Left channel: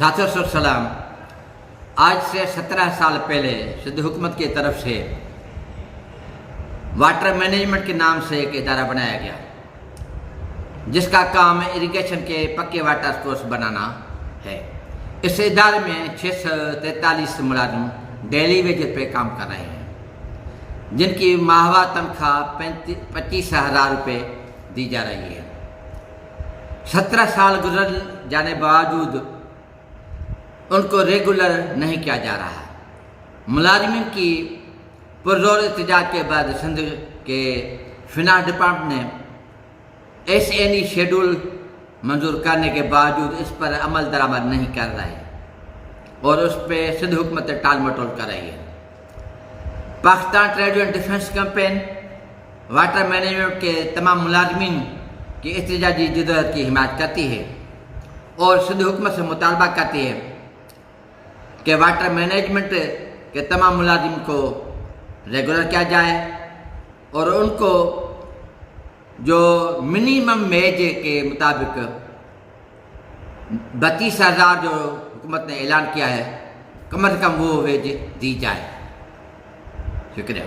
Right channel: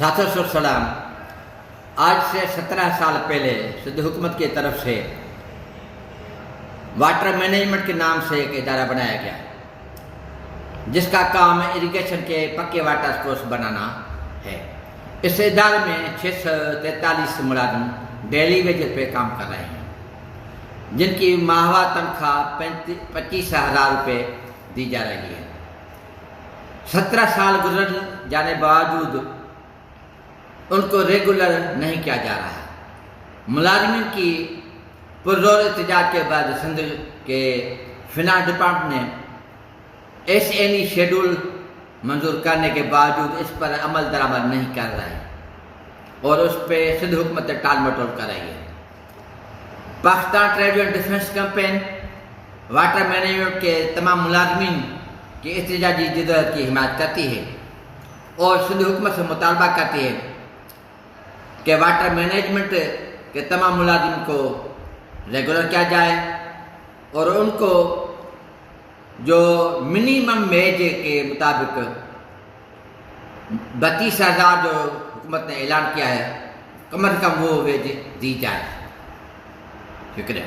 सलाम। आज से 17 साल पहले सिंध हुकूमत की तरफ से वाटर मैनेजमेंट के नाम से एक इदारा बनाया गया, जिसका काम इरिगेशन के पक्के वाटर कोर्स बनाना है। इस इदारे में 643 मुलाजिम डेली वेजेस पे काम कर रहे हैं, जिनकी माहवा तनख्वाह 25,000 रुपये दी जा रही है। 17 साल गुजर जाने बावजूद उनको रेगुलर नहीं किया जा रहा है। मुलाजमिन की पुरजोर एहतजाज के बाद सिंध के फिनांस डिपार्टमेंट ने SNE शेड्यूल मंजूर करने के बावजूद इस पर अमल दरामद नहीं कर रहा है और उस पर सिंध हुकूमत टाल मटोल कर रही है। Pakistan trade and defence campaign water management के तमाम मुलाजमिन की एहतजाजी जिद्दत की हिमायत करती है और सिंध हुकूमत से मुतालबा करती है कि वाटर मैनेजमेंट के तमाम मुलाजिम को रेगुलर किया जाए और उनको जो मिनिमम वेज के मुताबिक 32,000 जो हुकूमत ने ऐलान किया है, कम से कम वो वेज दी जाए। शुक्रिया।